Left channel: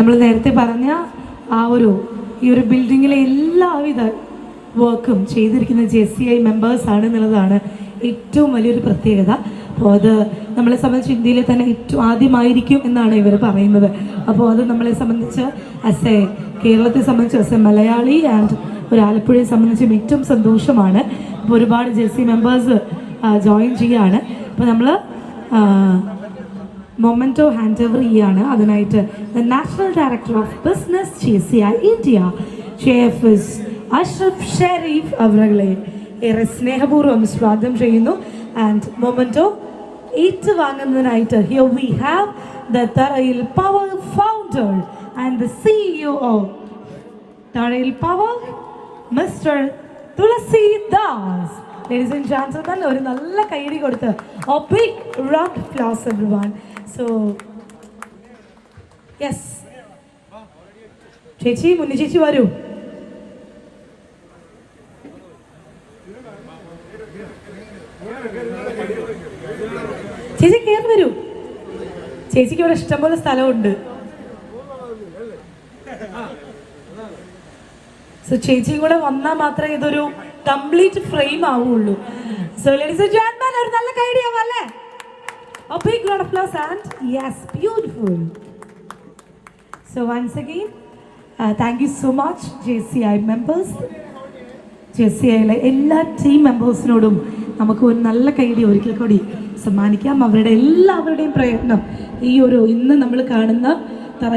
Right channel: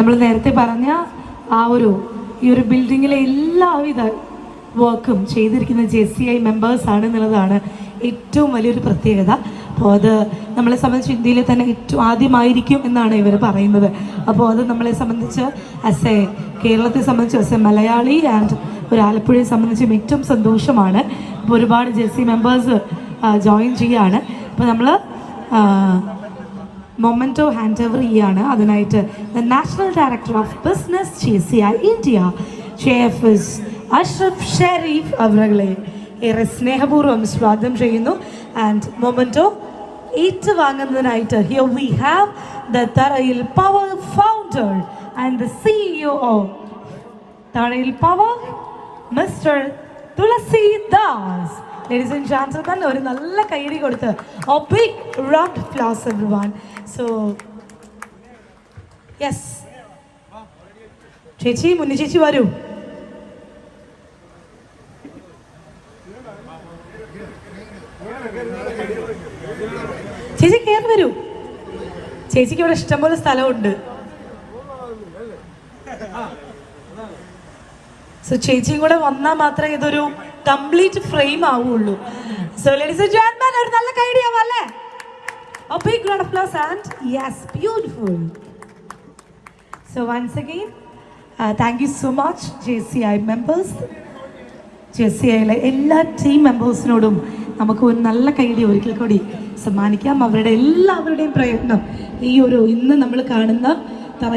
നമ്മൾ നേരത്തെ പറഞ്ഞ ഈ ഒരു ബിൽഡിങ്ങിലെ എല്ലാവിധ വർക്കും ചെയ്തിരിക്കുന്ന JCI മെമ്പേഴ്സ് ആണ് എന്നുള്ളതാണ് ഏറ്റവും വലിയൊരു പ്രത്യേകത. അപ്പോൾ അത് നമ്മളെ സംബന്ധിച്ച് ഇന്ത്യയിലെ തന്നെ ഏറ്റവും ആദ്യമായിരിക്കും എന്നാണ് ഇവർ പറയുന്നത്. അപ്പോൾ അത് നമ്മളെ സംബന്ധിച്ച് കേരളത്തെ സംബന്ധിച്ച് മലയാളി ആൻഡ് ഒരു ആലപ്പുഴയെ സംബന്ധിച്ചും ഏറ്റവും സന്തോഷമാണ്. അപ്പോൾ ഒരുപാട് JCI മെമ്പേഴ്സ് ജോയിൻ ചെയ്യാണ്. അപ്പോൾ നമ്മൾ മൊമെന്റോ ഹാൻഡ് ഓവർ ചെയ്യാണ്. അതിനായിട്ട് national director of business JCI India JFS Ashraf Sharif അവരെ ഏറെ സ്നേഹപൂർവ്വം സ്വാഗതം ചെയ്യുന്നു. ആൻഡ് മൊമെന്റോ ഏറ്റുവാങ്ങുന്നതിനായിട്ട് here we have the Tharayil power founder and the CEO of Tharayil power mister Thulasidas. Ladies and gentlemen, ഒരു നല്ല കൈയടി കൊടുത്ത് a big round of applause everyone. So yes, ചേച്ചി മുന്നി ചേച്ചി വരൂ. ചേച്ചി കയറി വരൂ. ചേച്ചിക്ക് ഇവിടെ ഇഷ്ടംപോലെ സ്ഥലമുണ്ട്. സോ ചേച്ചിയും കൂടെ വന്നാൽ മാത്രമേ ഇതൊരു കംപ്ലീറ്റ് ഫ്രെയിം ആവുള്ളൂ. സോ ലേഡീസ് ആൻഡ് ജെന്റിൽമെൻ, ഒരു നല്ല ഐഡിയ അല്ലേ? A big round of applause and yes, beautiful. So once again, thank you so much JCI members. JCIയിലെ എല്ലാ ടീം മെമ്പേഴ്സിനോടും നമുക്ക് ഒരു നല്ല കൈഡി ഒരിക്കൽ കൂടി സമ്മാനിക്കാം. അവരുടെ എല്ലാവരുടെയും പ്രയത്നം ഇന്ന് നമ്മൾ കാണുന്ന